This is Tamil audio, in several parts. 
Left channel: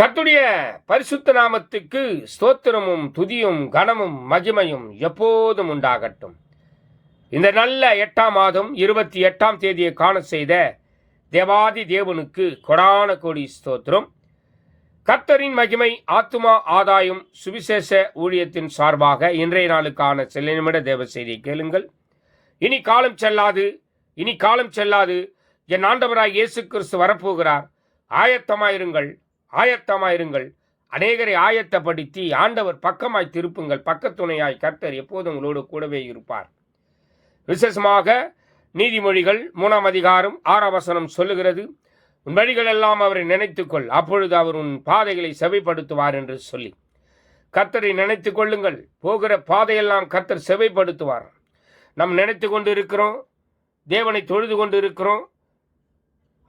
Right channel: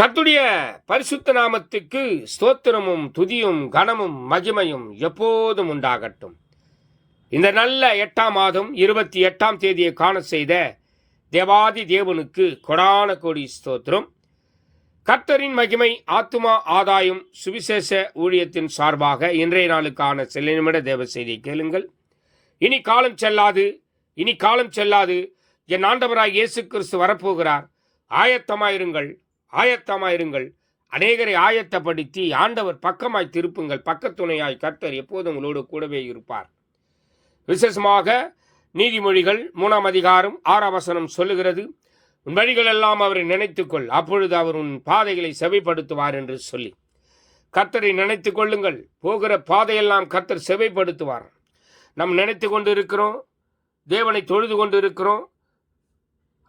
கர்த்தருடைய பரிசுத்த நாமத்துக்கு ஸ்தோத்திரமும் துதியும் கனமும் மகிமையும் எப்போதும் உண்டாகட்டும். இந்த நல்ல 8ஆம் மாதம் 28ஆம் தேதியை காண செய்த தேவாதி தேவனுக்கு கொடான கோடி ஸ்தோத்திரம். கர்த்தரின் மகிமை ஆத்துமா ஆதாயம் சுவிசேஷ ஊழியத்தின் சார்பாக இன்றைய நாளுக்கான சில நிமிட தேவ செய்தியை கேளுங்கள். இனி காலம் செல்லாது என் ஆண்டவராய் இயேசு கிறிஸ்து வரப்போகிறார். ஆயத்தமாயிருங்கள். அநேகரை ஆயத்தப்படுத்தி ஆண்டவர் பக்கமாய் திருப்புங்கள். பக்கத்துணையாய் கர்த்தர் எப்போதும் உங்களோடு கூடவே இருப்பார். விசேஷமாக நீதிமொழிகள் 3ஆம் அதிகாரம் 6ஆம் வசனம் சொல்லுகிறது, உன் வழிகளெல்லாம் அவரை நினைத்துக்கொள், அப்பொழுது அவர் உன் பாதைகளை செவைப்படுத்துவார் என்று சொல்லி. கர்த்தரை நினைத்து கொள்ளுங்கள். போகிற பாதையெல்லாம் கர்த்தர் செவைப்படுத்துவார். நாம் நினைத்து கொண்டு இருக்கிறோம், தேவனை தொழுது கொண்டு இருக்கிறோம்,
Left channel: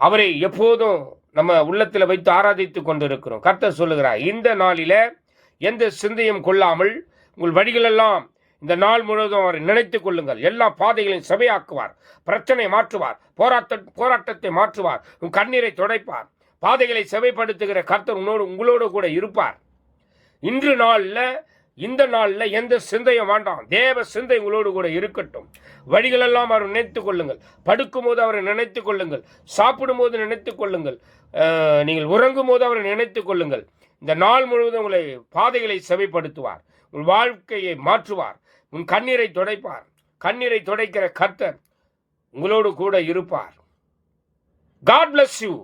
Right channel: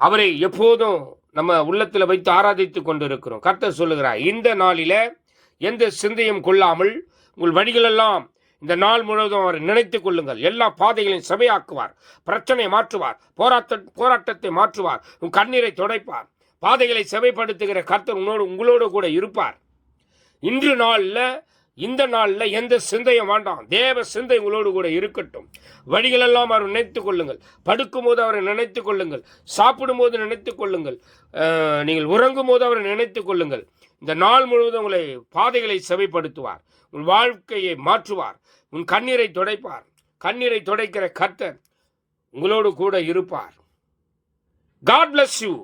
அவரை எப்போதும் நம்ம உள்ளத்தில் வைத்து ஆராதித்து கொண்டு இருக்கிறோம். கர்த்தர் சொல்லுகிறார், இந்த நாளில எந்த சிந்தையும் கொள்ளாமல் உங்கள் வழிகளெல்லாம் இந்த நாள் முழுவதும் அவரை நினைத்து கொள்ளுங்கள். எல்லா பாதைகளையும் செவையாக்குவார். பிரச்சனை மாற்றுவார். போராட்டத்தை மாற்றுவார். உன் கண்ணீரை துடைப்பார். பாதைகளை செவைப்படுத்துகிற கர்த்தர் உங்களோடு கூட இருப்பார். இந்த நாளில் எந்த சிந்தையும் வேண்டாம். தேவ சிந்தை உங்களோடு கூட இருக்கட்டும். வழிகளெல்லாம் அவரை நினைத்து கொள்ளுங்கள். படுக்கும் போது அவரை நினைத்து கொள்ளுங்கள். சாப்பிடும் போது நினைத்து கொள்ளுங்கள். நீங்கள் உறங்கும் போது அவரை நினைத்து கொள்ளுங்கள். இந்த நாள் முழுவதும் உங்களை பாதைகளை செவைப்படுத்துவார். உங்கள் வாழ்க்கையை மாற்றுவார். உன் கண்ணீரை துடைப்பார். கண்ணீரை துடைக்கிற கர்த்தர் உங்களோடு கூட இருப்பார். God bless you.